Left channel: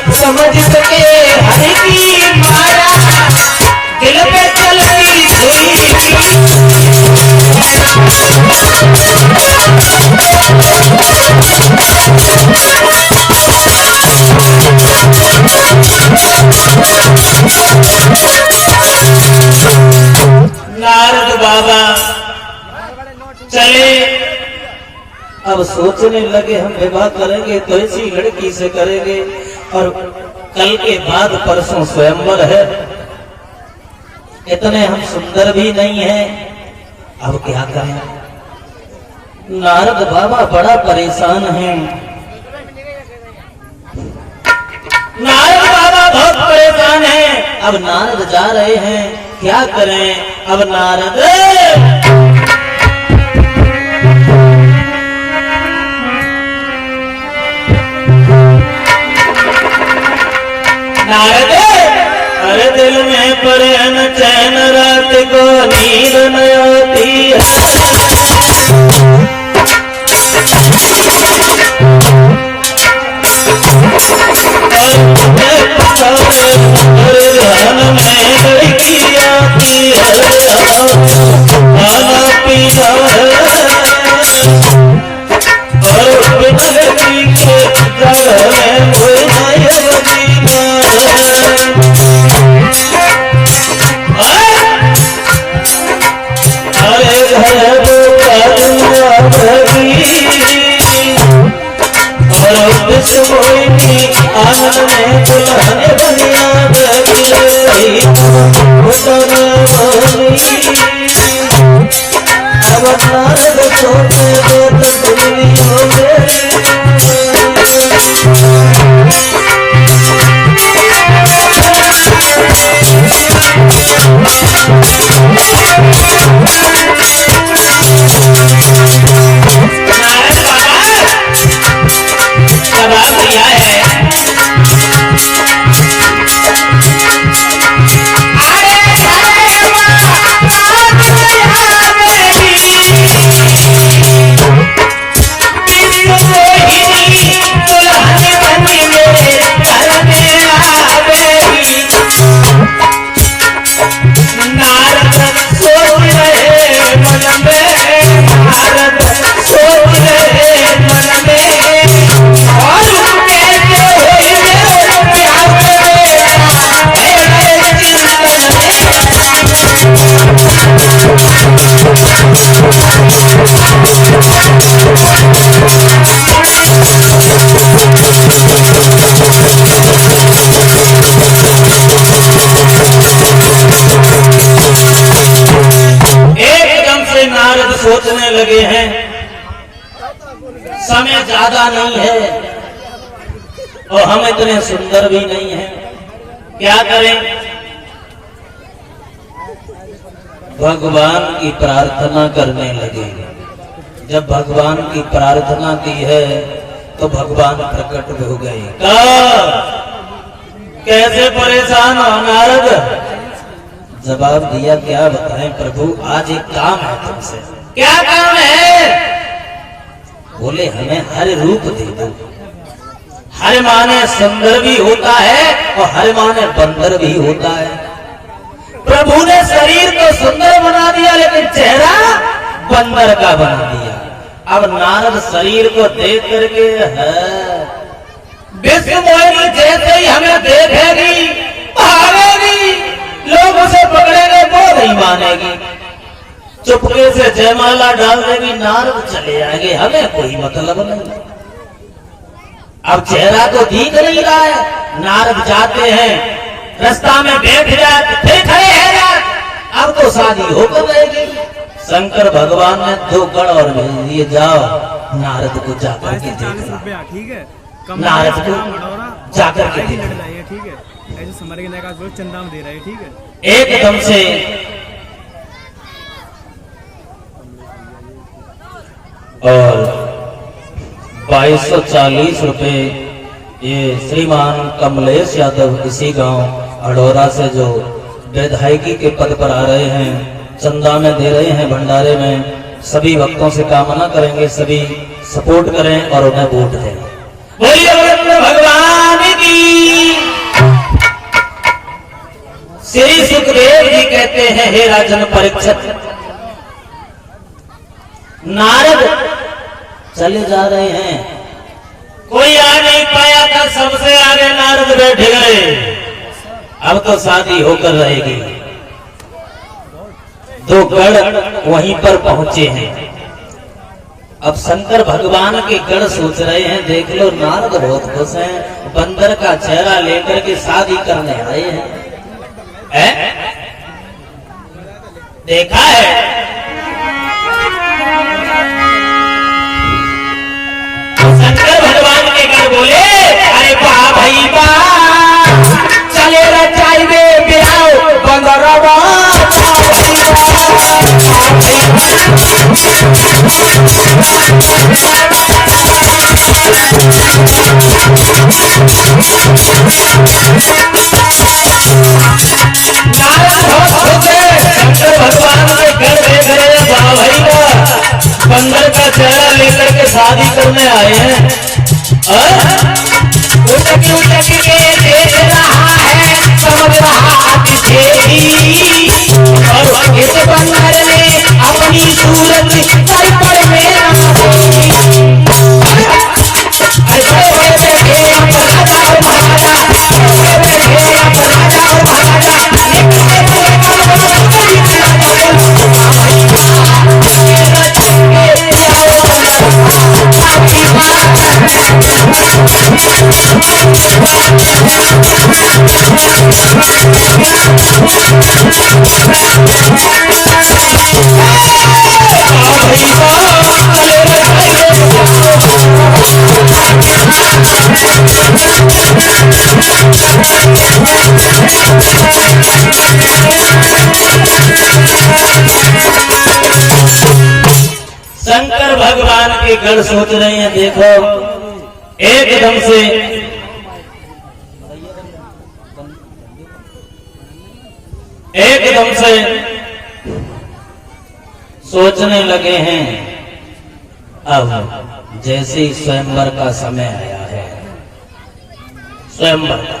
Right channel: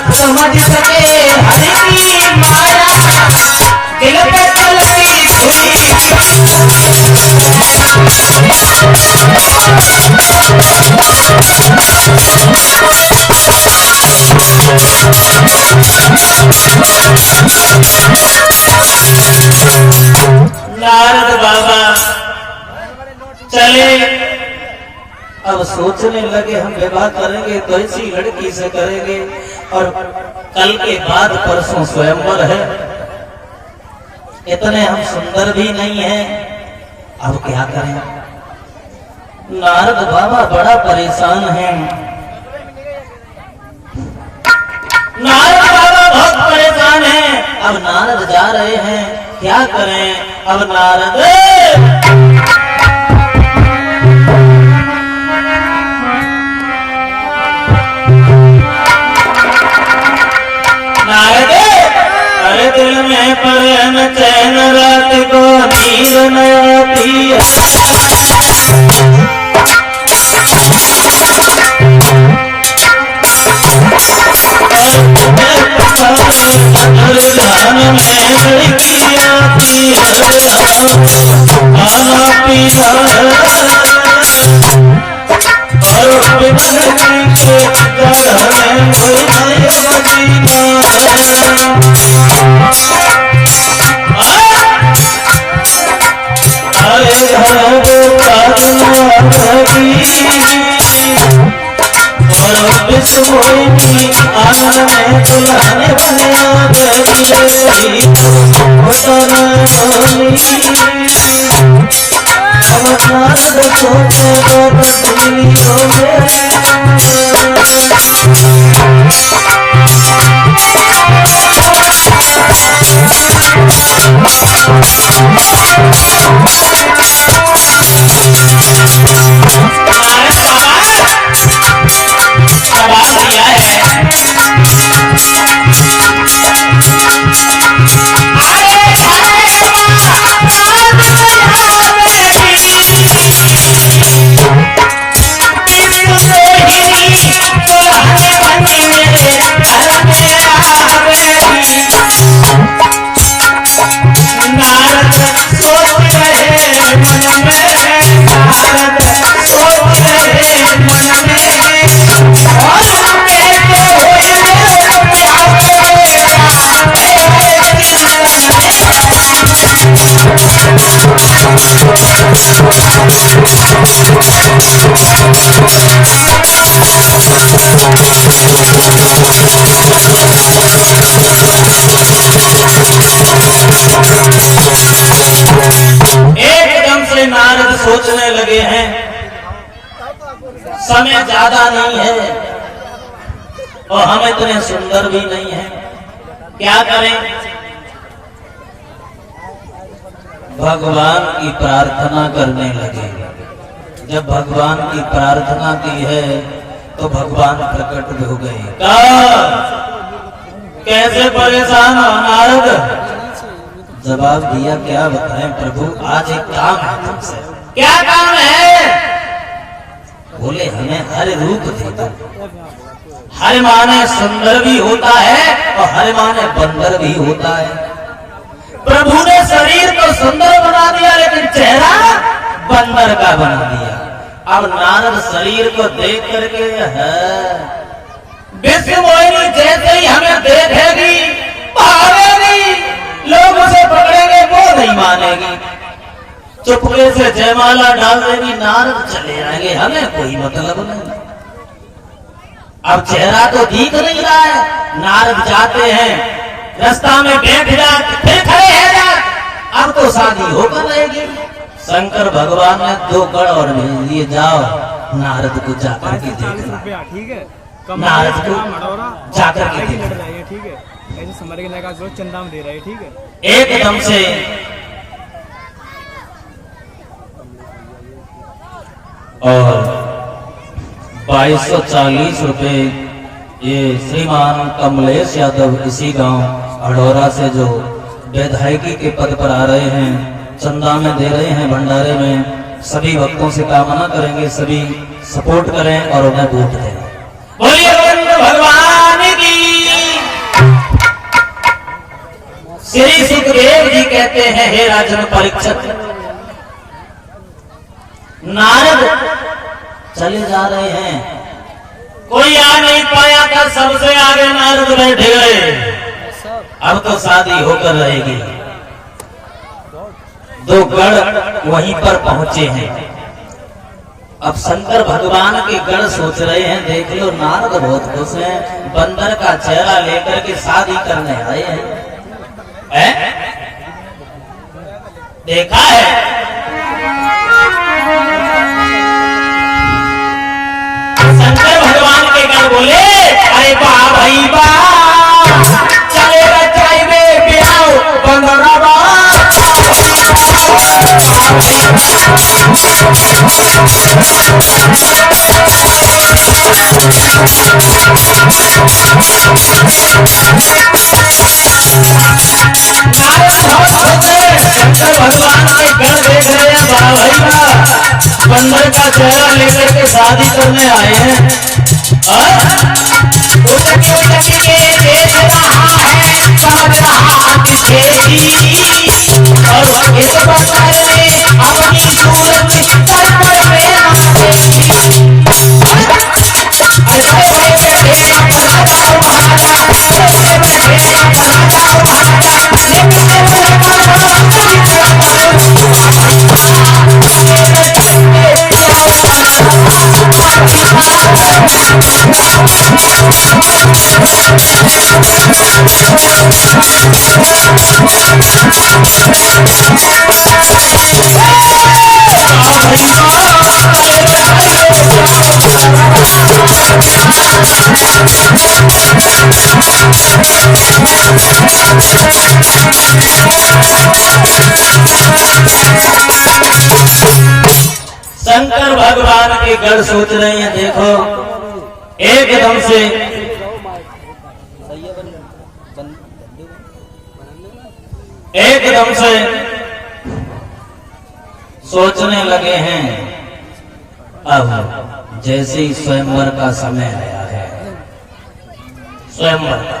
भक्त समझ सके हरि की माया, दिल पे चलती हुई नारद बाबा चले। अब सोचने लगे हम विवाह करेंगे तो ऐसी लड़की से करेंगे, और कल के बाद परसों स्वयंवर है, इतने हम सुंदर भी नहीं हैं, अब क्या करें। नारद बाबा बड़ा परेशान हैं, नारद बाबा बहुत परेशान हैं। अब नारद जा रहे हैं, क्या करें। अब नारद नारद अरे दिल में परन चैन रात को नींद न आती है, ध्यान में लड़की आती है, खाना पीना और बिजली के जगह में कोई जीना। अरे घर और विश्वमोहिनी आंगन में दुल्हन बनिया गई, अब नारद सोचे बहुत दुनिया में। सोचने लगे हैं समय ज्यादा नहीं है और हम इतने सुंदर भी नहीं हैं, क्या करें। भगवान की प्रार्थना करने लगे। जब भगवान की प्रार्थना की है तो भगवान प्रकट हो गए। कैसे परेशान हो नारद। जवाब दिया, क्या बताएं प्रभु, आज एक काम है तुमसे। क्या काम है। बोले हमें हर रूप दे दो। हर माने सुंदर भी होता है और हर माने बंदर भी होता है। प्रभु ने शरीर को सुंदर बना दिया लेकिन चेहरा बंदर का बना दिया। अब नारद शरीर को देख करके विश्वमोहिनी जैसे ही हमें देखेगी भागेगी, लोग उसे पकड़ेंगे वो नहीं मानेगी, चुपके से जयमाला डाल देगी, नारद चले आएंगे, हमें कोई मतलब नहीं। अब चेहरा तो दिख नहीं रहा है। नारद जाते हैं, रास्ता में बैठ जाते, फिर खड़े हैं जाते, अब तो शादी होकर रहेगी। शंकर भगवान ने 2 गढ़ और भेज दिए, जाओ नारद को जाकर के देखना। ठीक है, नारद को जाकर के देखना, ठीक है। ऐसे समझ के चंदा में दे रहे, ठीक है। एकदम से और 2240 रुपए ये श्रीमान कमलेश यादव इसी गांव अडोरा से जो विधायकी के पद पर आ रहे हैं, चंदा में दे रहे हैं भंडारे में। सभी भक्तों से कामना करेंगे सभी सपोर्ट करें और उन्हें वोट दें। बोलिए भगवान की। कहते हैं हे राजन परीक्षित, नारद चले जा रहे हैं, कोई आ नहीं पाया था, सबसे आगे नारद बैठे गए। अब तो शादी होकर रहेगी। दो गण वहीं पर पहुंचे हैं। अब शंकर भगवान के गण सोच रहे हैं, देख लो नारद बहुत खुश हैं, बंदर का चेहरा लेकर के शादी करने आए हैं। देखा है? शंकर भगवान के गण बोले, अरे वाह भाई वाह, चले रचाई में बिहाओ बंदरवा। शंकर भगवान के घर देख रहे हैं, वाह भाई वाह, बंदर का चेहरा लेकर के शादी करने आए हैं। और उचकी के देख रहा है, समझ रहा अतिथि, और इस बंदर ने अपनी सूरत सर पर में देखी। अरे बड़े बैठे महाराजा, बड़े बैठे महाराजा, शंकर भगवान के गण सोच रहे हैं, देखो एकदम से सोचने लगे हैं। अब जैसे ही स्वयंवर का समय आया है, स्वयंवर का,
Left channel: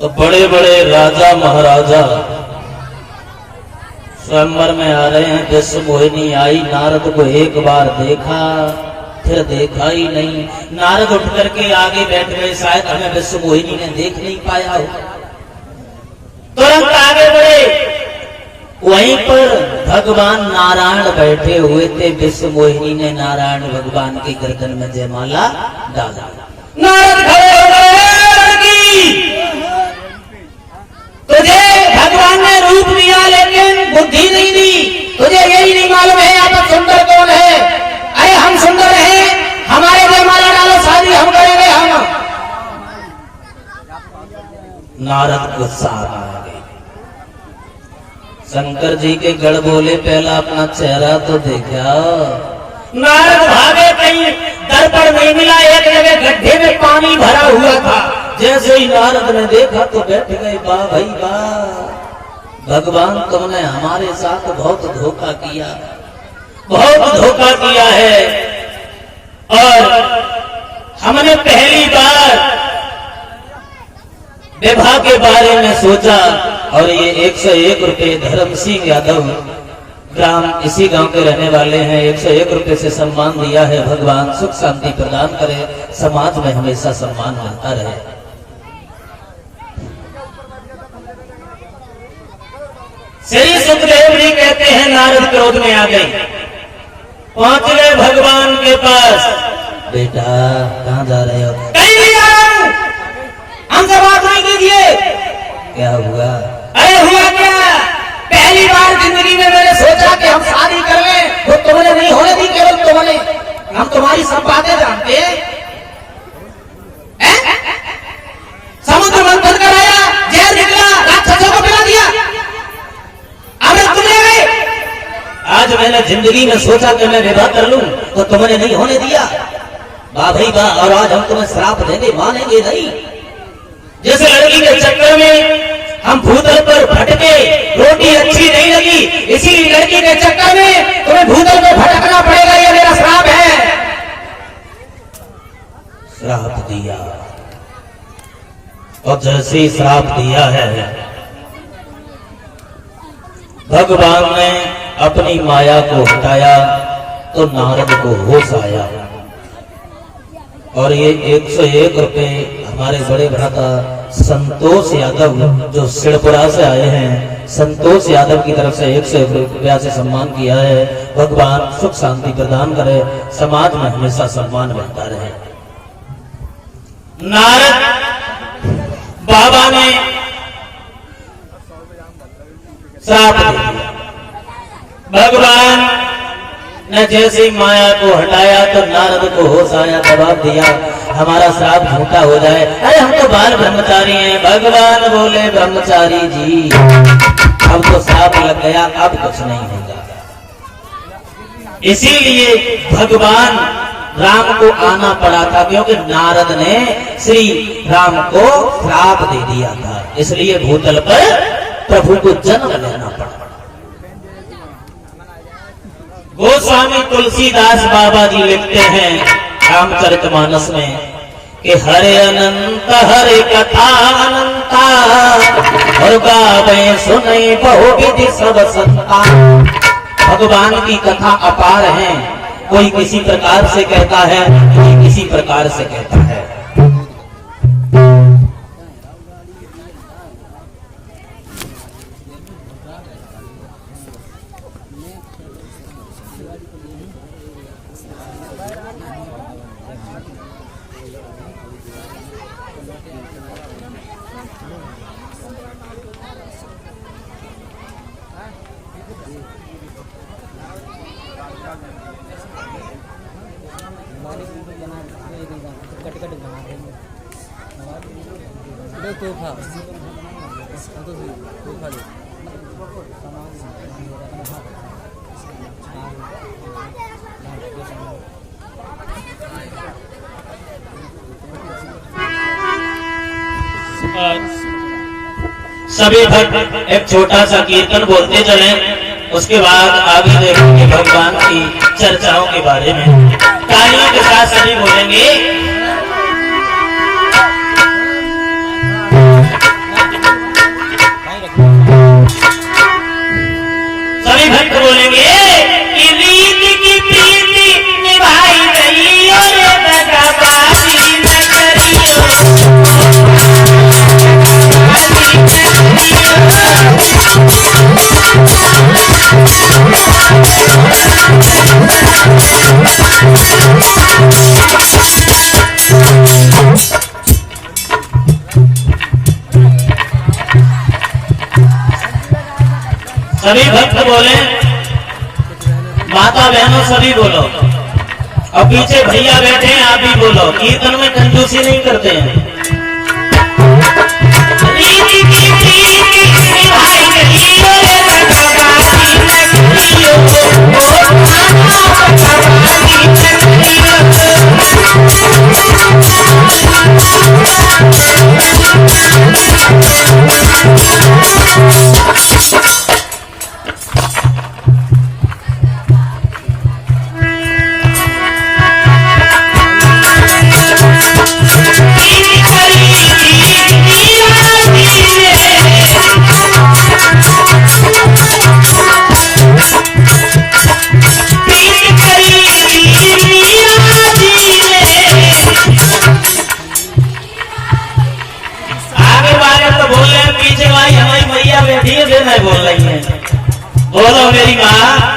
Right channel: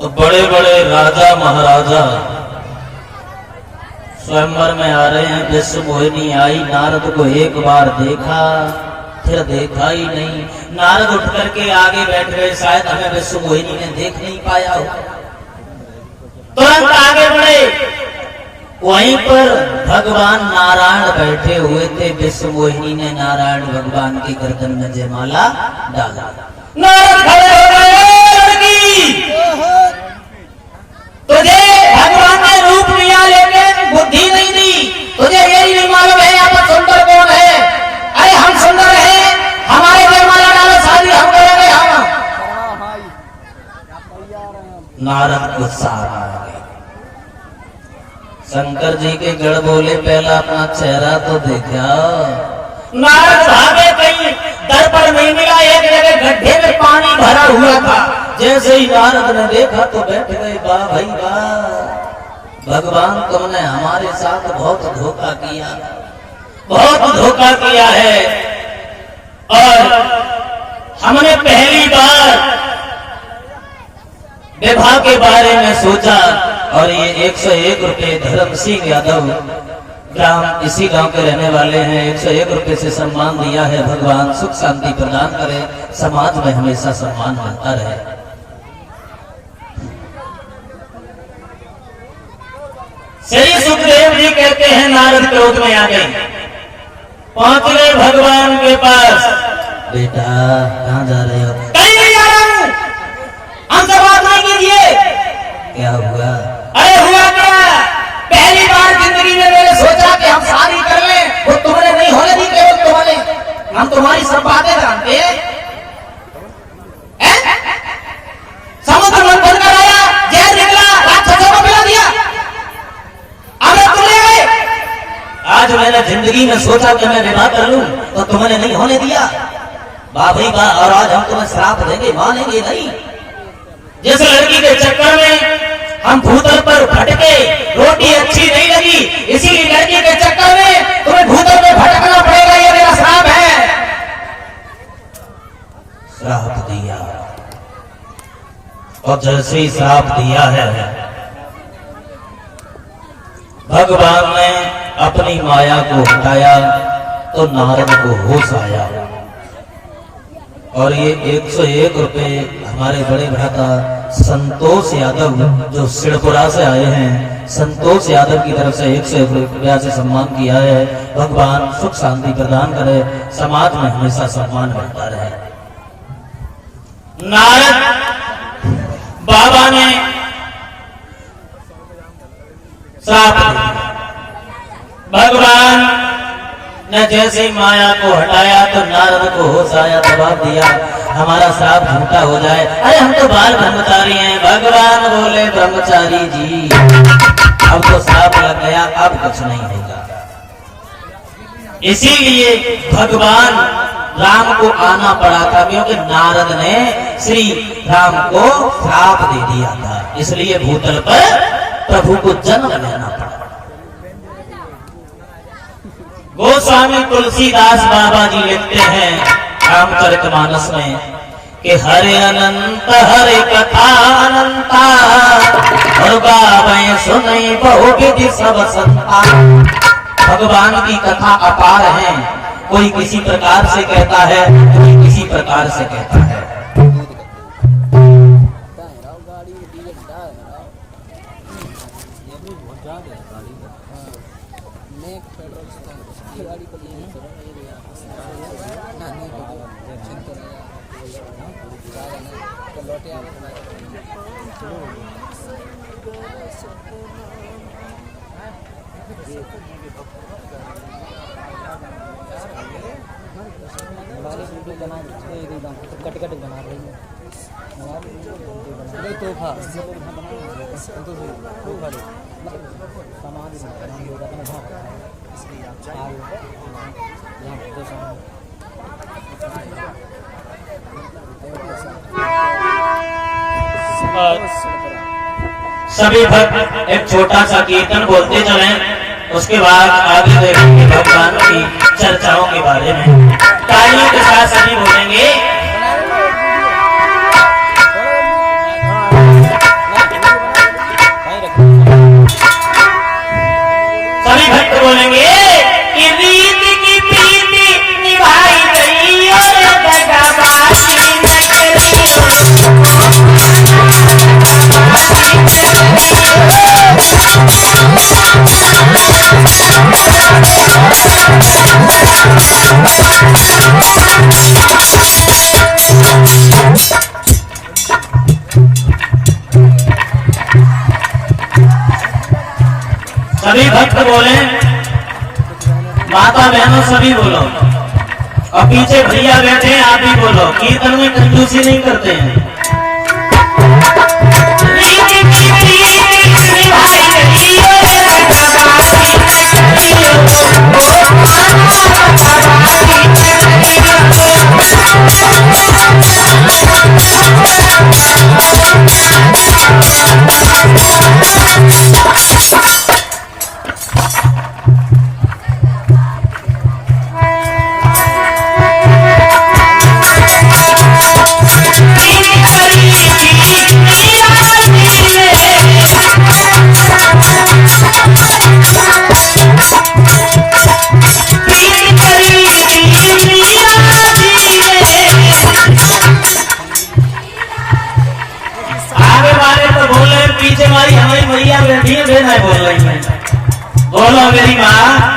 तो बड़े बड़े राजा महाराजा स्वयंवर में आ रहे हैं। विश्व मोहिनी आई, नारद को एक बार देखा, फिर देखा ही नहीं। नारद उठ करके आगे बैठ गए, शायद हमें विश्व मोहिनी ने देख नहीं पाया हो। तुरंत आगे बढ़े, वहीं पर भगवान नारायण बैठे हुए थे। विश्व मोहिनी ने नारायण भगवान की गर्दन में जयमाला डाला। नारद खड़े हो गए, तुझे भगवान ने रूप दिया लेकिन बुद्धि नहीं दी, तुझे यही नहीं मालूम है यहाँ पर सुंदर कौन है। अरे हम सुंदर हैं, हमारे जयमाला डालो, शादी हम करेंगे। हम नारद गुस्सा आ गए। शंकर जी के गढ़ बोले, पहला अपना चेहरा तो देखा। नारद भागे, कहीं दर्पण नहीं मिला, एक जगह गड्ढे में पानी भरा हुआ था। जैसे ही नारद ने देखा तो बैठ गए। वाह भाई वाह, भगवान तुमने हमारे साथ बहुत धोखा किया, बहुत धोखा किया है। और हमने पहली बार विवाह के बारे में सोचा, और ये 101 रुपए धर्म सिंह यादव ग्राम, इसी गांव के रहने वाले हैं, 101 रुपए से सम्मान दिया है। भगवान सुख शांति प्रदान करे, समाज में हमेशा सम्मान बनता रहे। श्री सुखदेव जी कहते हैं, नारद क्रोध में आ गए, पहुंच गए भगवान के पास। बेटा कहाँ जा रहे हो? कहीं नहीं जा रहा हूं, हमसे बात नहीं कीजिए। क्या हुआ? अरे हुआ क्या, पहली बार जिंदगी में मैंने सोचा कि हम शादी कर लें, वो तुमने नहीं होने दी, केवल तुमने। हम तुम्हारी सब बातें जानते हैं। समुद्र मंथन कराया, जहर निकला, राक्षसों को पिला दिया, अमृत तुम ले गए। आज मैंने जिंदगी में सोचा कि मैं विवाह कर लूं, तो तुमने नहीं होने दिया। वाह भाई वाह, और आज हम तुम्हें श्राप देंगे, मानेंगे नहीं। जिस लड़की के चक्कर में हम भूतल पर भटके, रोटी अच्छी नहीं लगी, इसी लड़की के चक्कर में तुम्हें भूतल में भटकना पड़ेगा, ये मेरा श्राप है। श्राप दिया। और जैसे ही श्राप दिया है, भगवान ने अपनी माया को हटाया तो नारद को होश आया। और ये 101 रुपए हमारे बड़े भ्राता संतोष यादव जो सिड़पुरा से आए हैं, संतोष यादव की तरफ से 101 रुपया से सम्मान किया है। भगवान सुख शांति प्रदान करे, समाज में हमेशा सम्मान रहता रहे। नारद बाबा ने श्राप दे दिया। भगवान ने जैसे ही माया को हटाया तो नारद को होश आया, जवाब दिया हमारा श्राप झूठा हो जाए। अरे हम तो बाल ब्रह्मचारी हैं। भगवान बोले ब्रह्मचारी जी अब तो श्राप लग गया, अब कुछ नहीं होगा। इसीलिए भगवान राम को आना पड़ा था, क्योंकि नारद ने श्री राम को श्राप दे दिया था। इसलिए भूतल पर प्रभु को जन्म लेना पड़ा। गोस्वामी तुलसीदास बाबा जी लिखते हैं रामचरितमानस में कि हरे अनंत हरे कथा अनंता और गावे सुने बहु विधि सब संता। भगवान की कथा अपार है। कोई किसी प्रकार से कहता है, कोई किसी प्रकार से कहता है। सभी भक्त एक छोटा सा कीर्तन बोलते चले, उसके बाद आगे देखेंगे भगवान की चर्चाओं के बारे में। तालियों के साथ सभी बोलेंगे। सभी भक्त बोलेंगे कि रीत की प्रीति निभाई गई और दगाबाजी न करी। सभी भक्त बोले, माता बहनों सभी बोलो, और पीछे भैया बैठे हैं आप भी बोलो। कीर्तन में कंजूसी नहीं करते हैं। बोलो मेरी माँ।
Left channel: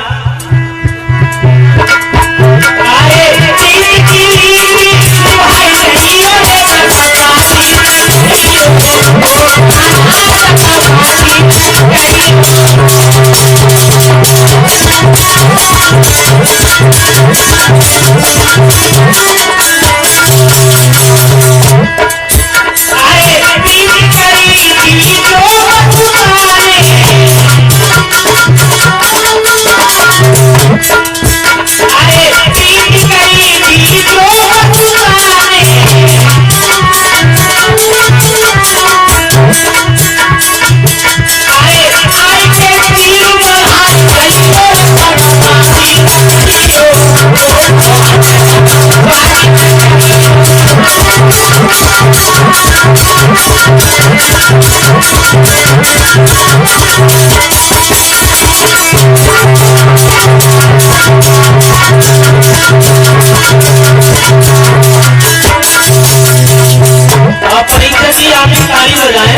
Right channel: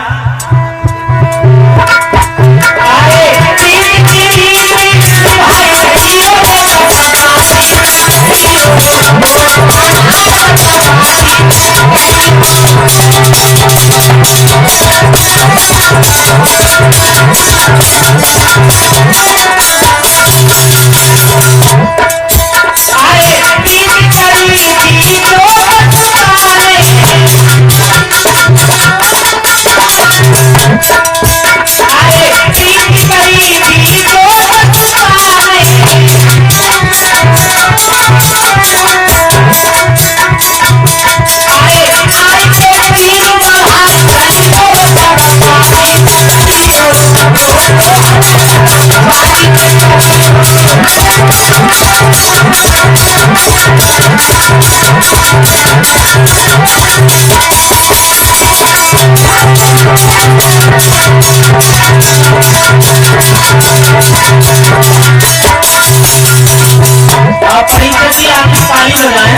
परिचय की आपकी ताली बजाएं।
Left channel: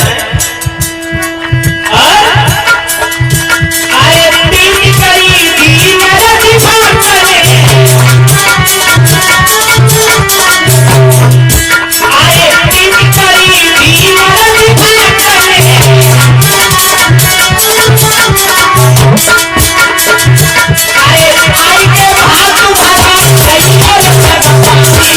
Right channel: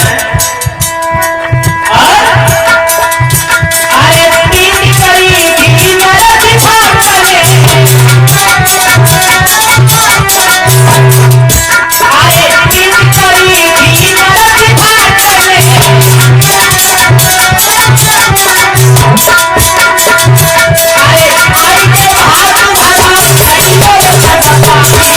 अरे प्रीत करी थी नरक भागने, अरे प्रीत करी थी नरक भागने, अरे आज के भाग तुम्हारा कहियो रे सरपानी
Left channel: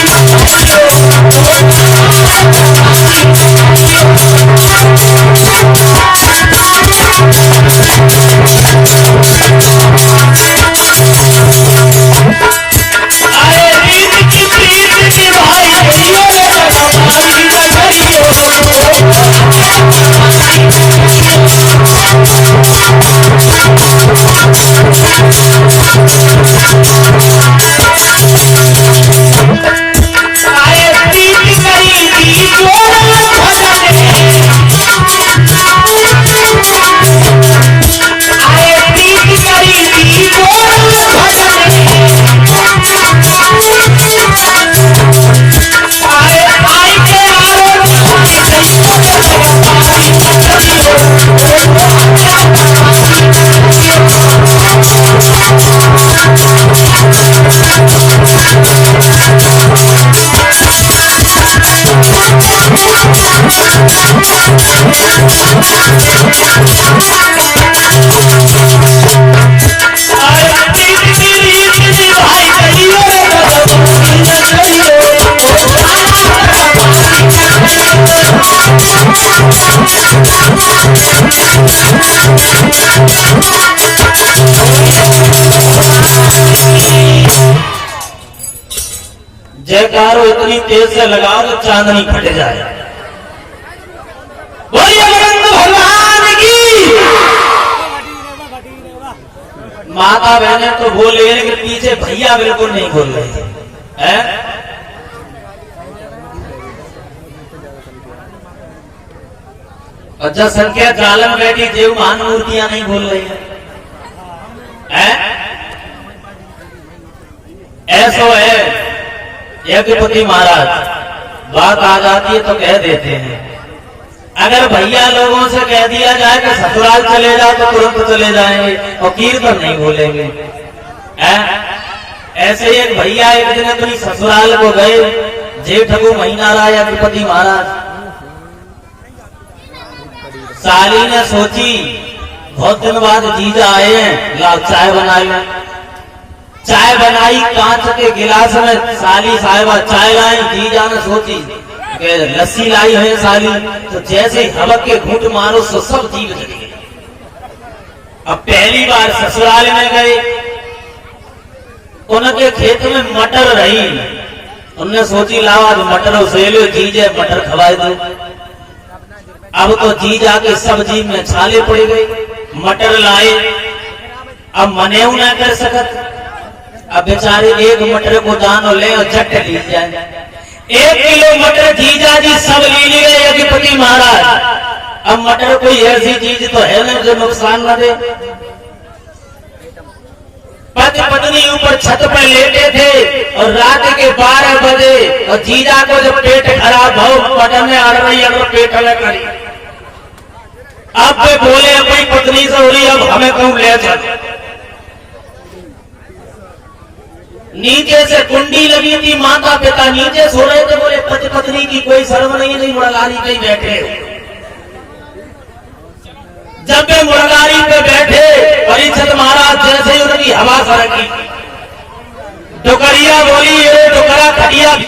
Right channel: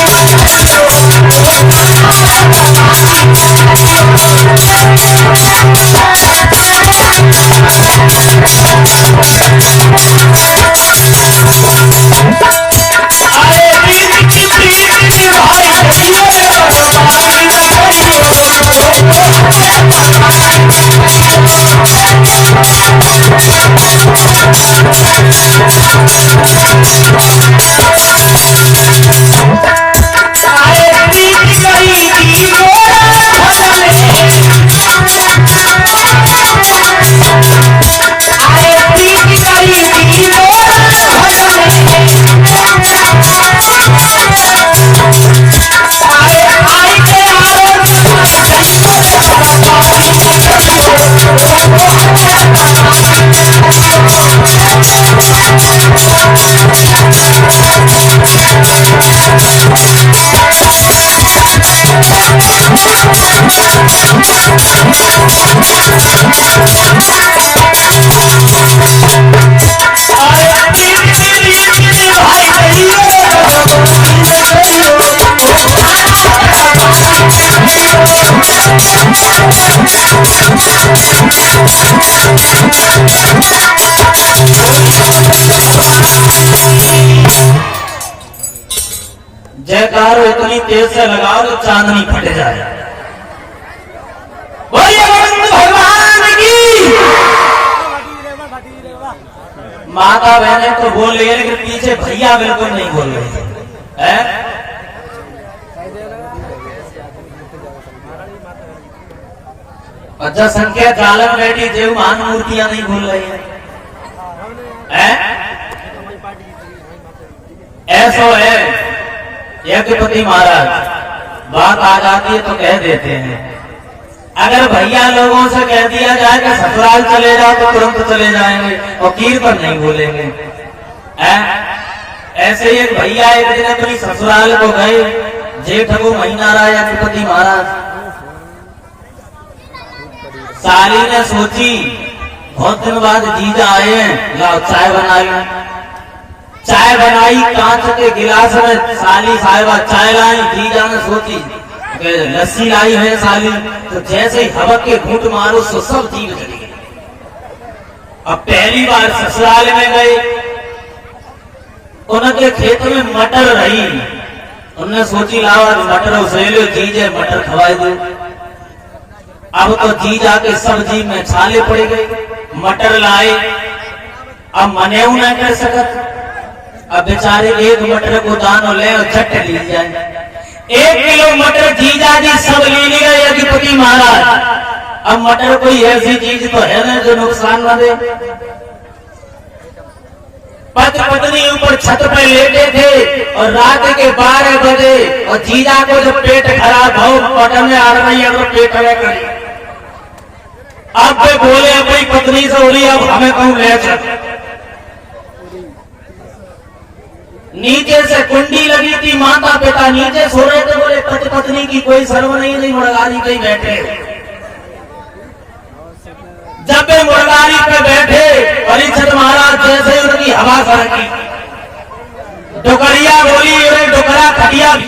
जयकारो इतनी तेज से लगाओ तो चांदनी फट जाए। बोलिए भगवान की। माता बहने तो बोल रही है लेकिन पीछे भैया बिल्कुल नहीं बोल रहे हैं। अच्छा संख्या जालन बैठी देव महान मूर्तियां नहीं बोल रही है। ऐसा है यज्ञपति महाराज, बात आ जाती है तो कह देते हैं। अगर भैया लोगों से कह दिया जाए कि ससुराल चले जाओ तो तुरंत चले जाएंगे और कीर पर नहीं बोलेंगे। ऐसे ही एक भैया एक दिन अपनी ससुराल को गए, जेठ को महीना रहा यज्ञपति महाराज। साली ने सोची बहुत दिन बाद जीजा आए हैं, लाओ चाय बना लिया। चाय बनाई, कांच के गिलास में साली साहिबा चाय लाई। जीजा ने सोची लस्सी लाई है साली, तो जैसे हवक के घूंट मारो तो सब जीव जली। अब पहली बार ससुराल में गए, उनके खेत में मटर रही। उन्होंने सोची लाओ मटर उसे लो, जीजे मटर खवाए दे। अब तो जीजा के सब्जी में छाले पड़ गए। मटर लाए, अब मने ना कर सकत। अब बेचारे एक मटर को दानो ले और चट ली जाए। 1 किलो मटर जीजा जी सब ले लिए यज्ञपति महाराज। अब मटर कोई ऐसी चीज तो है ना जो नुकसान न दे। पति पत्नी ऊपर छत पर लेटे थे और रात के 12 बजे और जीजा को जब पेट खराब हो पटन में आ रही है तो पेट करी। अब वे बोले अपनी पत्नी से बोली अब हमें कोई ले चल। नीचे से कुंडी लगी थी, माता पिता नीचे सो रहे थे। बोले पति पत्नी की कोई शर्म नहीं मुड़गारी पे बैठे। जब वे मुड़गारी पे बैठे, परीक्षित महाराज जैसे ही उनकी हवा सरकी, डुकरिया बोली, ये डुकरा खटिया